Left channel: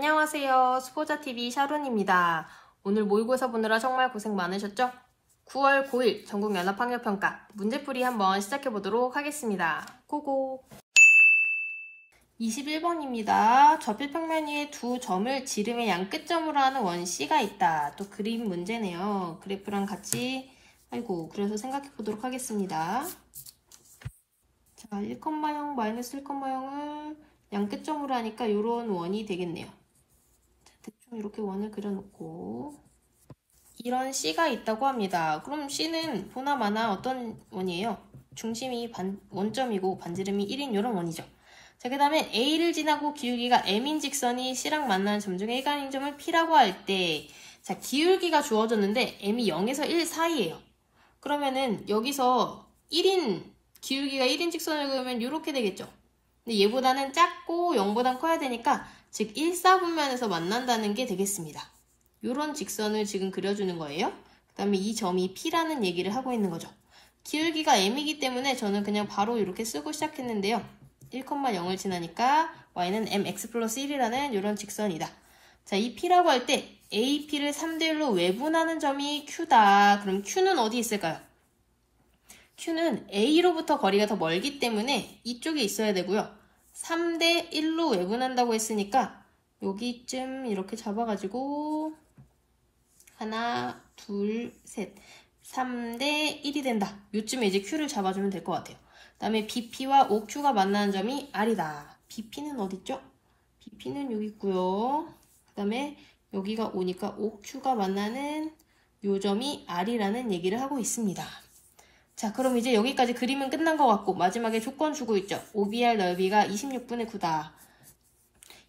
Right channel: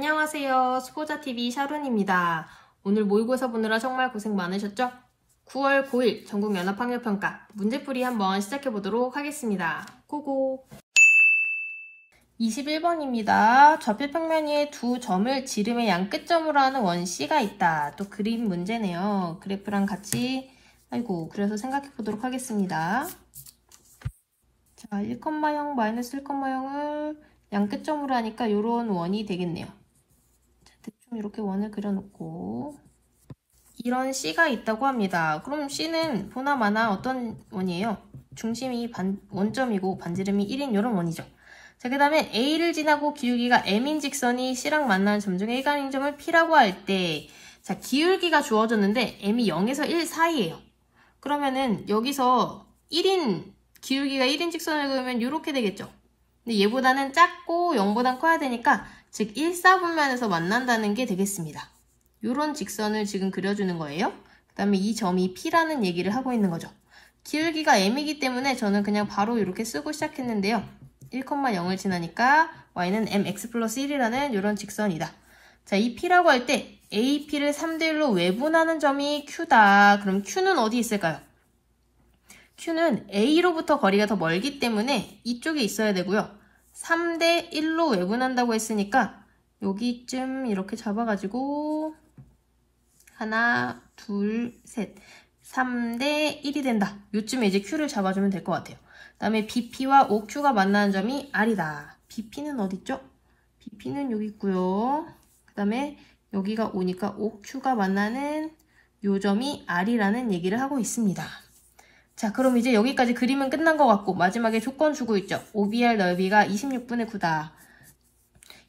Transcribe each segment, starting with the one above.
안녕하세요. 수고자TV 샤론입니다. 오늘 모의고사 보느라 정말 고생 많으셨죠? 9월 9일 전국연합학력평가 문제풀이 한번 시작해보도록 하겠습니다. 고고! 21번입니다. 좌표평면 위에 두 점을 지름의 양 끝점으로 하는 원C가 있다. 또 그림 문제네요. 그래프랑 같이 그래서 생각해보도록 하겠습니다. 자, 1,0 마이너스 1,0을 양 끝점으로 하니까 이런 원이 되겠네요. 대충 이렇게 원을 그려놓고 이런 C가 있다고 합니다. 그럼 C는 보나마나 어떤 원이에요? 중심이 원점이고 반지름이 1인 이런 원이죠. 자, 그 다음에 A를 지나고 기울기가 M인 직선이 C랑 만나는 점 중에 일간인 점을 P라고 할 때, 자, 기울기가 주어졌는데 M이 0에서 1 사이예요. 그러면은 여기서 기울기가 1인 직선을 그리면 이렇게 되겠죠. 근데 얘보다는 작고 0보단 커야 되니까 즉 1사분면에서 만난다는 게 되겠습니다. 이런 직선을 지금 그려주는 거예요. 그 다음에 이 점이 P라는 얘기를 하고 있는 거죠. 기울기가 M이기 때문에 저는 그냥 바로 이렇게 쓰고 시작했는데요. 1,0을 지나니까 y는 mx 플러스 1이라는 이런 직선이다. 자, 이 P라고 할 때 AP를 3대1로 외분하는 점이 Q다. 그럼 Q는 어디 있을까요? Q는 A로부터 거리가 더 멀기 때문에 이쪽에 있어야 되고요. 3대1로 외분한다고 했으니까 여기쯤 이렇게 잡아가지고 하나, 둘, 셋 3대1이 된다. 요쯤에 이제 Q를 잡아주면 될 것 같아요. 그 다음에 BP와 OQ가 만나는 점이 R이다. BP는 어디 있죠? BP는 여기 있고요. 그 다음에 여기가 오니까 OQ가 만나는 요 점이 R이라는 얘기를 하고 있습니다. 자, 그럼 이제 여기까지 그림은 끝난 것 같고 마지막에 조건 주고 있죠. OBR 넓이가 26분의 9다.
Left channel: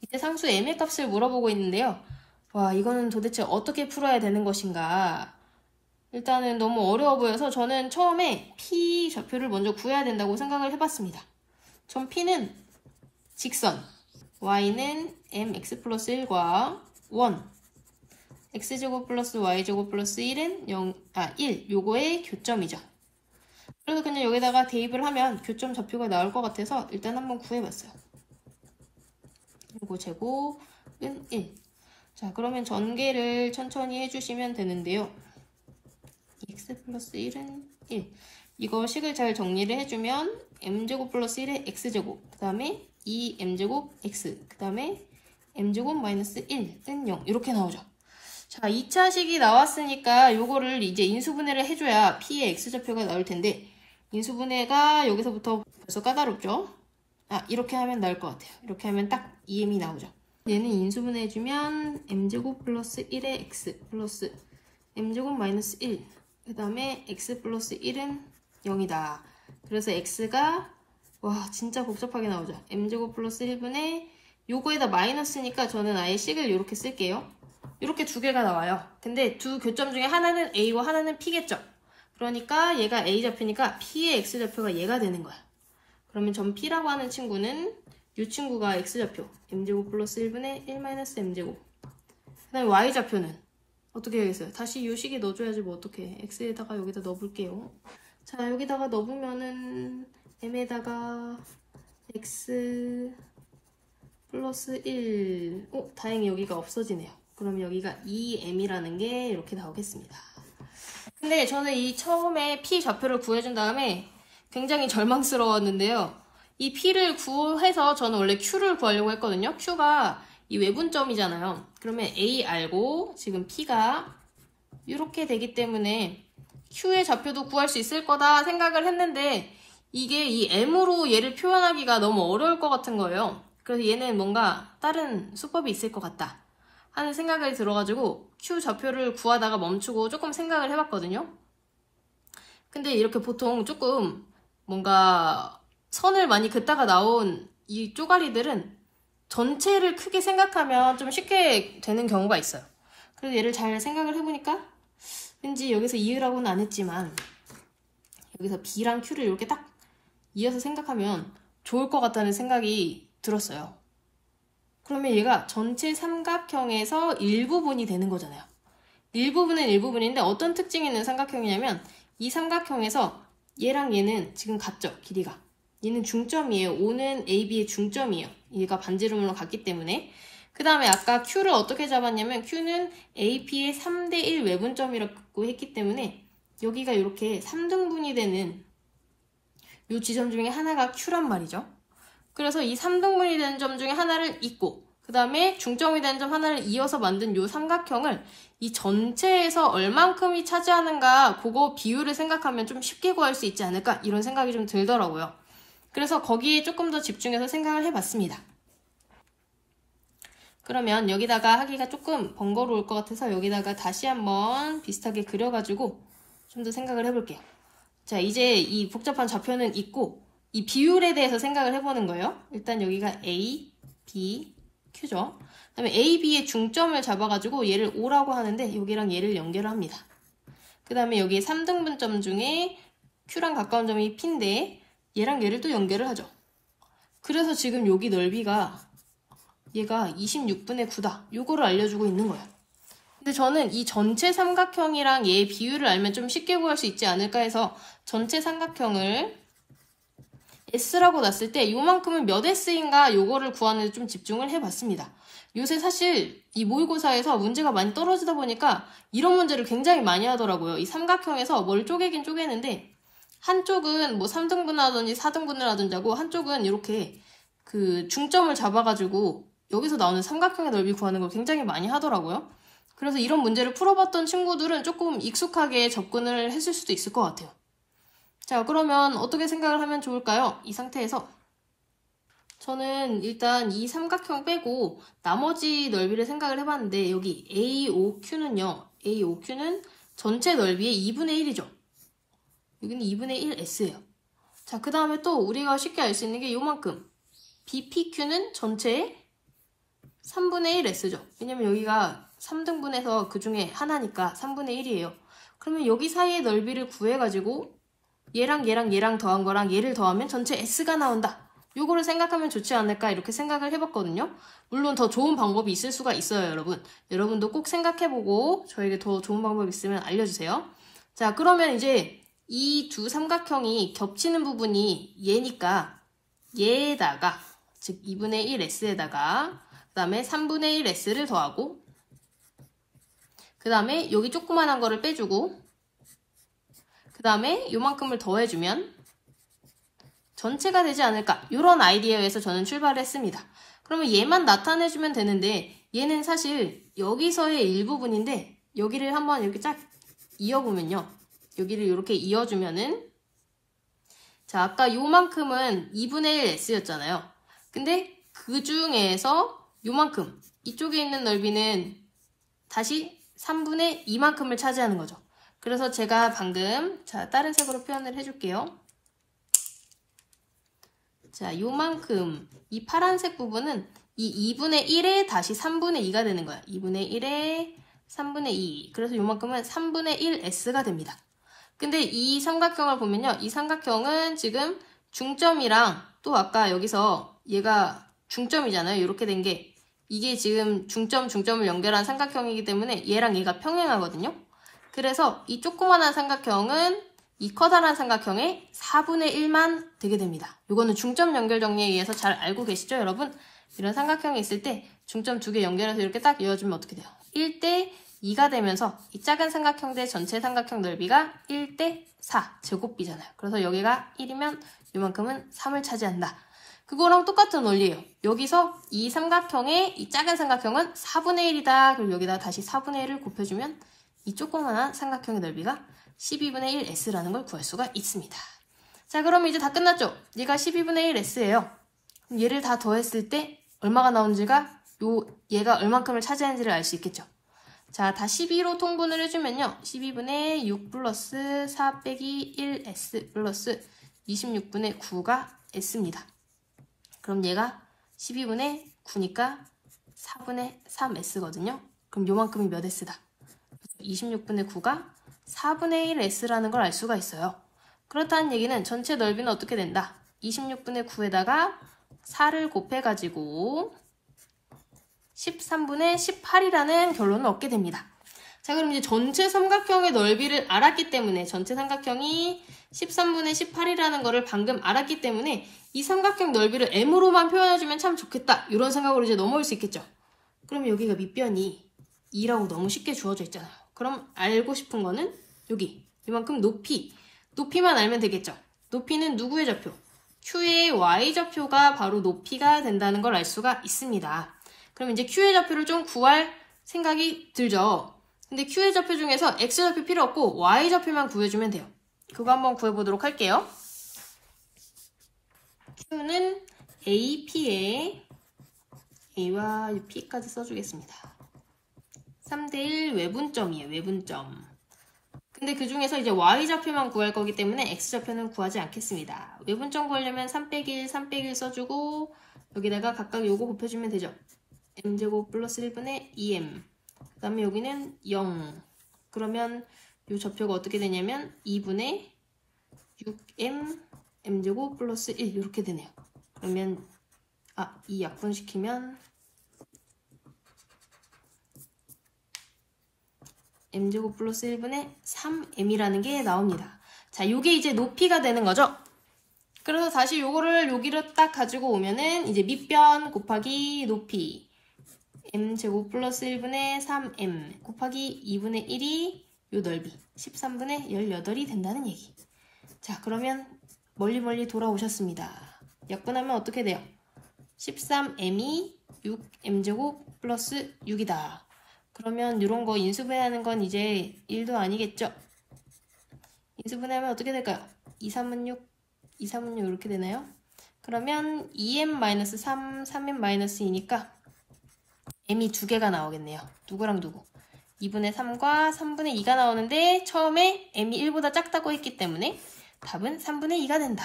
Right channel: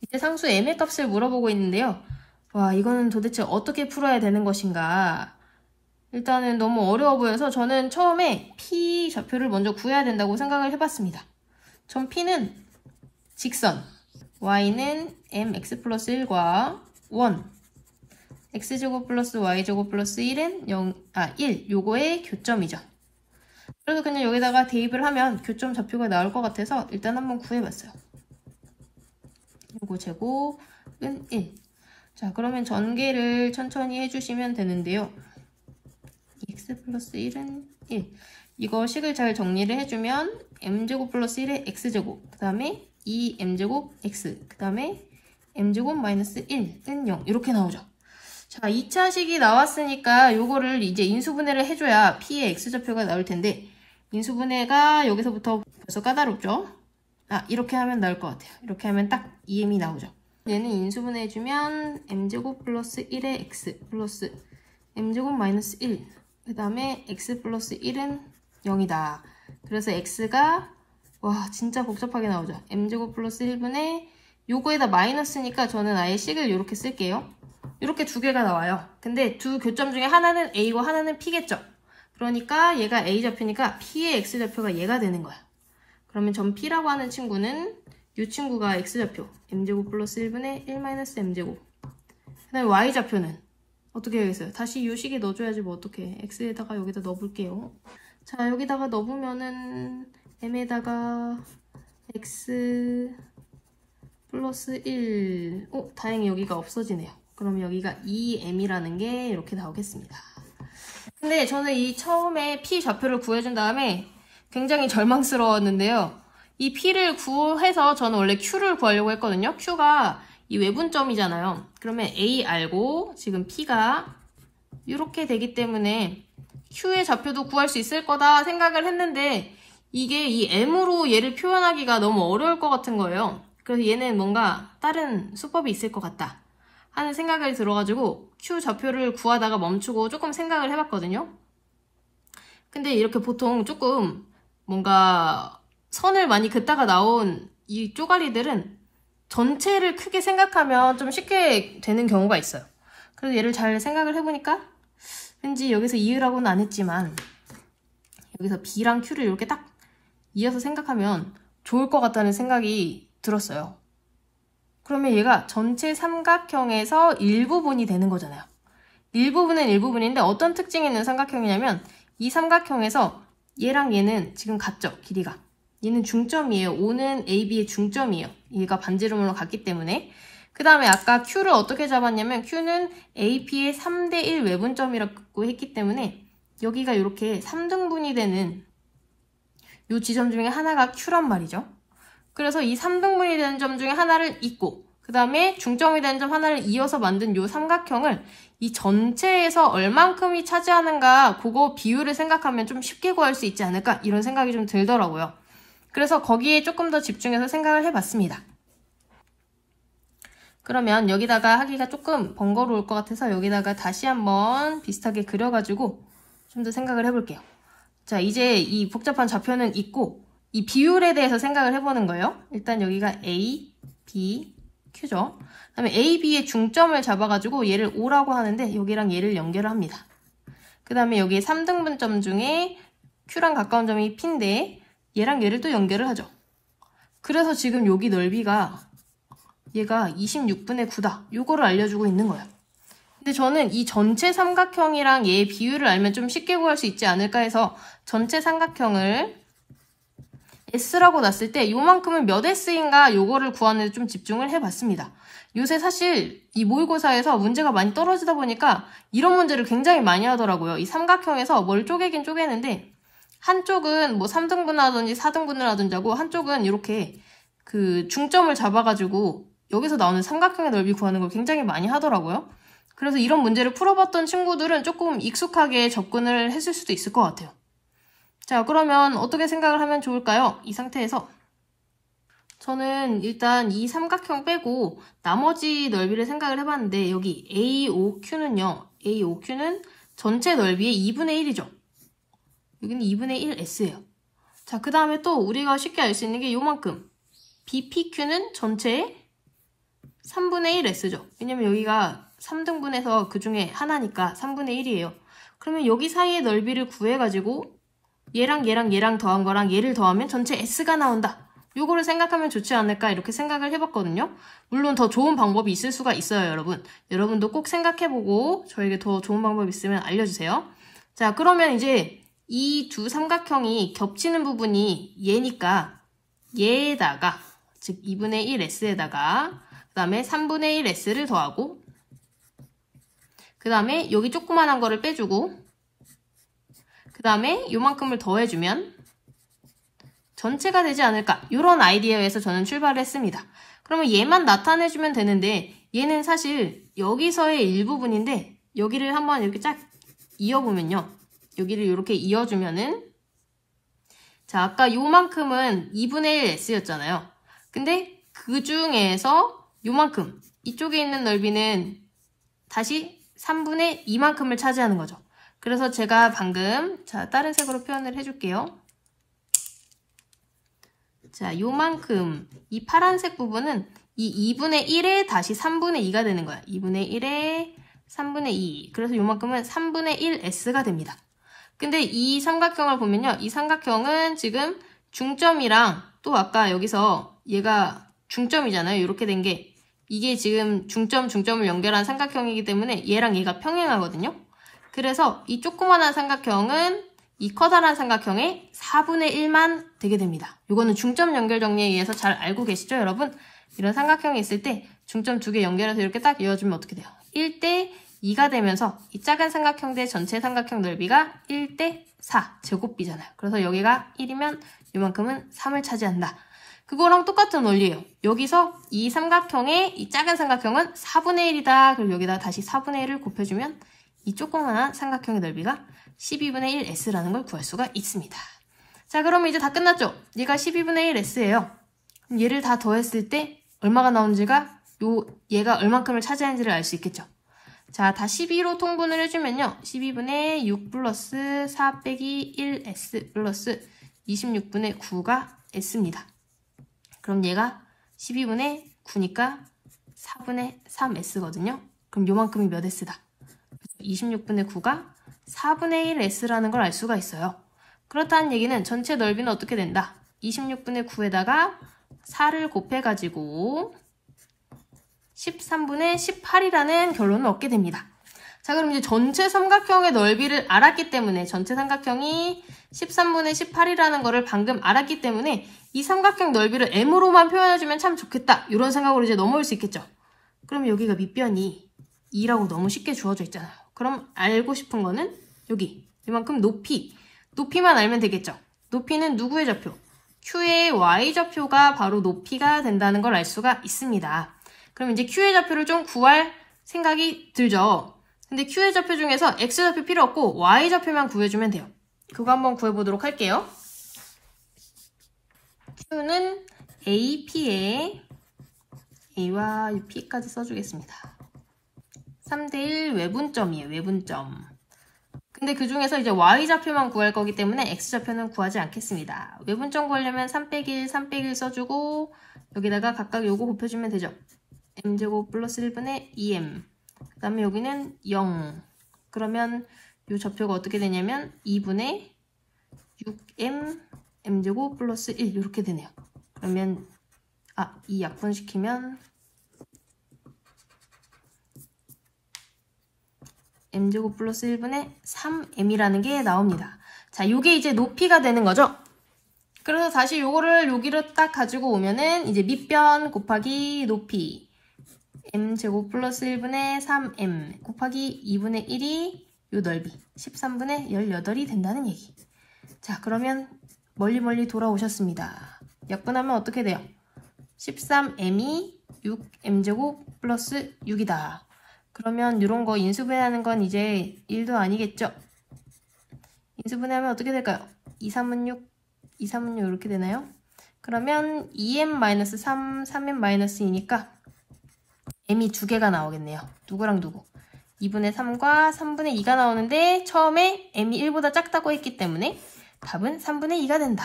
이때 상수 m의 값을 물어보고 있는데요. 와, 이거는 도대체 어떻게 풀어야 되는 것인가. 일단은 너무 어려워 보여서 저는 처음에 P 좌표를 먼저 구해야 된다고 생각을 해봤습니다. 전 P는 직선, Y는 mx 플러스 1과 원, x제곱 플러스 y제곱 플러스 1은 1, 요거의 교점이죠. 그래서 그냥 여기다가 대입을 하면 교점 좌표가 나올 것 같아서 일단 한번 구해봤어요. 요거 제곱은 1. 자, 그러면 전개를 천천히 해주시면 되는데요. x 플러스 1은 1. 이거 식을 잘 정리를 해주면 m제곱 플러스 1의 x제곱, 그 다음에 2m제곱 x, 그 다음에 m제곱 마이너스 1은 0 이렇게 나오죠. 자, 2차 식이 나왔으니까 요거를 이제 인수분해를 해줘야 P의 x좌표가 나올 텐데 인수분해가 여기서부터 벌써 까다롭죠? 이렇게 하면 나올 것 같아요. 이렇게 하면 딱 2m이 나오죠. 얘는 인수분해 해주면 m제곱 플러스 1의 x 플러스 m제곱 마이너스 1, 그 다음에 x 플러스 1은 0이다. 그래서 x가 진짜 복잡하게 나오죠. m제곱 플러스 1분의 요거에다 마이너스니까 저는 아예 식을 이렇게 쓸게요. 이렇게 두 개가 나와요. 근데 두 교점 중에 하나는 A고 하나는 P겠죠. 그러니까 얘가 A좌표니까 P의 X좌표가 얘가 되는 거야. 그러면 점 P라고 하는 친구는 이 친구가 X좌표 M제곱 플러스 1분의 1 마이너스 M제곱. 그 다음에 Y좌표는 어떻게 해야겠어요? 다시 이 식에 넣어줘야지 뭐 어떡해. X에다가 여기다 넣어볼게요. 자, 여기다가 넣어보면은 M에다가 X 플러스 1. 다행히 여기가 없어지네요. 그럼 여기가 2m이라는 게 이렇게 나오겠습니다. 근데 저는 이 처음에 P 좌표를 구해준 다음에 굉장히 절망스러웠는데요. 이 P를 구해서 저는 원래 Q를 구하려고 했거든요. Q가 이 외분점이잖아요. 그러면 A 알고 지금 P가 이렇게 되기 때문에 Q의 좌표도 구할 수 있을 거다 생각을 했는데 이게 이 M으로 얘를 표현하기가 너무 어려울 것 같은 거예요. 그래서 얘는 뭔가 다른 수법이 있을 것 같다 하는 생각을 들어가지고 Q 좌표를 구하다가 멈추고 조금 생각을 해봤거든요. 근데 이렇게 보통 조금 뭔가 선을 많이 긋다가 나온 이 쪼가리들은 전체를 크게 생각하면 좀 쉽게 되는 경우가 있어요. 그래서 얘를 잘 생각을 해보니까 왠지 여기서 이으라고는 안 했지만 여기서 B랑 Q를 이렇게 딱 이어서 생각하면 좋을 것 같다는 생각이 들었어요. 그러면 얘가 전체 삼각형에서 일부분이 되는 거잖아요. 일부분은 일부분인데 어떤 특징이 있는 삼각형이냐면 이 삼각형에서 얘랑 얘는 지금 같죠? 길이가. 얘는 중점이에요. O는 AB의 중점이에요. 얘가 반지름으로 같기 때문에. 그 다음에 아까 Q를 어떻게 잡았냐면 Q는 AP의 3대1 외분점이라고 했기 때문에 여기가 이렇게 3등분이 되는 이 지점 중에 하나가 Q란 말이죠. 그래서 이 3등분이 되는 점 중에 하나를 잇고 그 다음에 중점이 되는 점 하나를 이어서 만든 이 삼각형을 이 전체에서 얼만큼이 차지하는가 그거 비율을 생각하면 좀 쉽게 구할 수 있지 않을까 이런 생각이 좀 들더라고요. 그래서 거기에 조금 더 집중해서 생각을 해봤습니다. 그러면 여기다가 하기가 조금 번거로울 것 같아서 여기다가 다시 한번 비슷하게 그려가지고 좀 더 생각을 해볼게요. 자, 이제 이 복잡한 좌표는 있고 이 비율에 대해서 생각을 해보는 거예요. 일단 여기가 A, B, Q죠. 그 다음에 A, B의 중점을 잡아가지고 얘를 O라고 하는데 여기랑 얘를 연결을 합니다. 그 다음에 여기에 3등분점 중에 Q랑 가까운 점이 P인데 얘랑 얘를 또 연결을 하죠. 그래서 지금 여기 넓이가 얘가 26분의 9다. 요거를 알려주고 있는 거예요. 근데 저는 이 전체 삼각형이랑 얘의 비율을 알면 좀 쉽게 구할 수 있지 않을까 해서 전체 삼각형을 S라고 놨을 때 요만큼은 몇 S인가 요거를 구하는 데 좀 집중을 해봤습니다. 요새 사실 이 모의고사에서 문제가 많이 떨어지다 보니까 이런 문제를 굉장히 많이 하더라고요. 이 삼각형에서 뭘 쪼개긴 쪼개는데 한쪽은 뭐 3등분을 하든지 4등분을 하든지 하고 한쪽은 이렇게 그 중점을 잡아가지고 여기서 나오는 삼각형의 넓이 구하는 걸 굉장히 많이 하더라고요. 그래서 이런 문제를 풀어봤던 친구들은 조금 익숙하게 접근을 했을 수도 있을 것 같아요. 자, 그러면 어떻게 생각을 하면 좋을까요? 이 상태에서 저는 일단 이 삼각형 빼고 나머지 넓이를 생각을 해봤는데 여기 AOQ는요. AOQ는 전체 넓이의 2분의 1이죠. 여기는 2분의 1S예요. 자, 그 다음에 또 우리가 쉽게 알 수 있는 게 요만큼 BPQ는 전체의 3분의 1S죠. 왜냐면 여기가 3등분해서 그 중에 하나니까 3분의 1이에요. 그러면 여기 사이의 넓이를 구해가지고 얘랑 얘랑 얘랑 더한 거랑 얘를 더하면 전체 S가 나온다. 요거를 생각하면 좋지 않을까 이렇게 생각을 해봤거든요. 물론 더 좋은 방법이 있을 수가 있어요, 여러분. 여러분도 꼭 생각해보고 저에게 더 좋은 방법이 있으면 알려주세요. 자, 그러면 이제 이 두 삼각형이 겹치는 부분이 얘니까 얘에다가 즉 2분의 1S에다가 그 다음에 3분의 1S를 더하고 그 다음에 여기 조그만한 거를 빼주고 그 다음에 요만큼을 더해주면 전체가 되지 않을까 이런 아이디어에서 저는 출발을 했습니다. 그러면 얘만 나타내주면 되는데 얘는 사실 여기서의 일부분인데 여기를 한번 이렇게 쫙 이어보면요. 여기를 이렇게 이어주면은 자, 아까 요만큼은 2분의 1S였잖아요. 근데 그 중에서 요만큼 이쪽에 있는 넓이는 다시 3분의 2만큼을 차지하는 거죠. 그래서 제가 방금 자 다른 색으로 표현을 해줄게요. 자, 요만큼 이 파란색 부분은 이 2분의 1에 다시 3분의 2가 되는 거야. 2분의 1에 3분의 2. 그래서 요만큼은 3분의 1S가 됩니다. 근데 이 삼각형을 보면요. 이 삼각형은 지금 중점이랑 또 아까 여기서 얘가 중점이잖아요. 이렇게 된 게 이게 지금 중점을 연결한 삼각형이기 때문에 얘랑 얘가 평행하거든요. 그래서 이 조그만한 삼각형은 이 커다란 삼각형의 4분의 1만 되게 됩니다. 이거는 중점 연결 정리에 의해서 잘 알고 계시죠, 여러분? 이런 삼각형이 있을 때 중점 두 개 연결해서 이렇게 딱 이어주면 어떻게 돼요? 1대 2가 되면서 이 작은 삼각형 대 전체 삼각형 넓이가 1대 4 제곱비잖아요. 그래서 여기가 1이면 이만큼은 3을 차지한다. 그거랑 똑같은 원리예요. 여기서 이 삼각형의 이 작은 삼각형은 4분의 1이다. 그리고 여기다 다시 4분의 1을 곱해주면 이 조그만한 삼각형의 넓이가 12분의 1S라는 걸 구할 수가 있습니다. 자, 그러면 이제 다 끝났죠? 얘가 12분의 1S예요. 그럼 얘를 다 더했을 때 얼마가 나오는지가 얘가 얼만큼을 차지하는지를 알 수 있겠죠? 자, 다 12로 통분을 해주면요. 12분의 6 플러스 4 빼기 1S 플러스 26분의 9가 S입니다. 그럼 얘가 12분의 9니까 4분의 3S거든요. 그럼 요만큼이 몇 S다? 26분의 9가 4분의 1S라는 걸 알 수가 있어요. 그렇다는 얘기는 전체 넓이는 어떻게 된다? 26분의 9에다가 4를 곱해가지고 13분의 18이라는 결론을 얻게 됩니다. 자, 그럼 이제 전체 삼각형의 넓이를 알았기 때문에 전체 삼각형이 13분의 18이라는 거를 방금 알았기 때문에 이 삼각형 넓이를 M으로만 표현해주면 참 좋겠다. 이런 생각으로 이제 넘어올 수 있겠죠. 그럼 여기가 밑변이 2라고 너무 쉽게 주어져 있잖아요. 그럼 알고 싶은 거는 여기 이만큼 높이만 알면 되겠죠. 높이는 누구의 좌표? Q의 Y좌표가 바로 높이가 된다는 걸 알 수가 있습니다. 그럼 이제 Q의 좌표를 좀 구할 생각이 들죠. 근데 Q의 좌표 중에서 X좌표 필요 없고 Y좌표만 구해주면 돼요. 그거 한번 구해보도록 할게요. Q는 AP에 A와 P까지 써주겠습니다. 3대1 외분점이에요. 외분점. 근데 그 중에서 이제 Y좌표만 구할 거기 때문에 X좌표는 구하지 않겠습니다. 외분점 구하려면 3-1, 3-1 써주고 여기다가 각각 요거 곱해주면 되죠. m제곱 플러스 1분의 2m. 그 다음에 여기는 0. 그러면 요 좌표가 어떻게 되냐면 2분의 6m m제곱 플러스 1 이렇게 되네요. 그러면 이 약분시키면 m제곱 플러스 1분의 3m이라는 게 나옵니다. 자, 요게 이제 높이가 되는 거죠. 그래서 다시 요거를 여기로 딱 가지고 오면은 이제 밑변 곱하기 높이 m제곱 플러스 1분의 3m 곱하기 2분의 1이 요 넓이 13분의 18이 된다는 얘기. 자, 그러면 멀리 돌아오셨습니다. 약분하면 어떻게 돼요? 13m이 6m제곱 플러스 6이다. 그러면 이런 거 인수분해하는 건 이제 1도 아니겠죠? 인수분해하면 어떻게 될까요? 2, 3은 6, 2, 3은 6 이렇게 되나요? 그러면 2m-3, 3m-2니까 m이 두 개가 나오겠네요. 누구랑 누구? 2분의 3과 3분의 2가 나오는데 처음에 m이 1보다 작다고 했기 때문에 답은 3분의 2가 된다.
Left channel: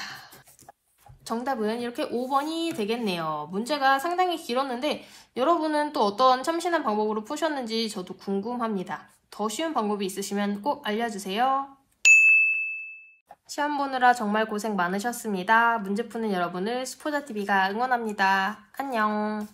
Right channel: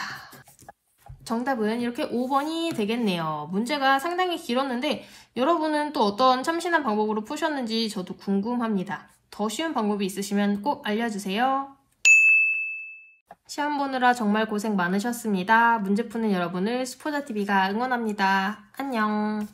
정답은 이렇게 5번이 되겠네요. 문제가 상당히 길었는데 여러분은 또 어떤 참신한 방법으로 푸셨는지 저도 궁금합니다. 더 쉬운 방법이 있으시면 꼭 알려주세요. 시험 보느라 정말 고생 많으셨습니다. 문제 푸는 여러분을 스포자TV가 응원합니다. 안녕.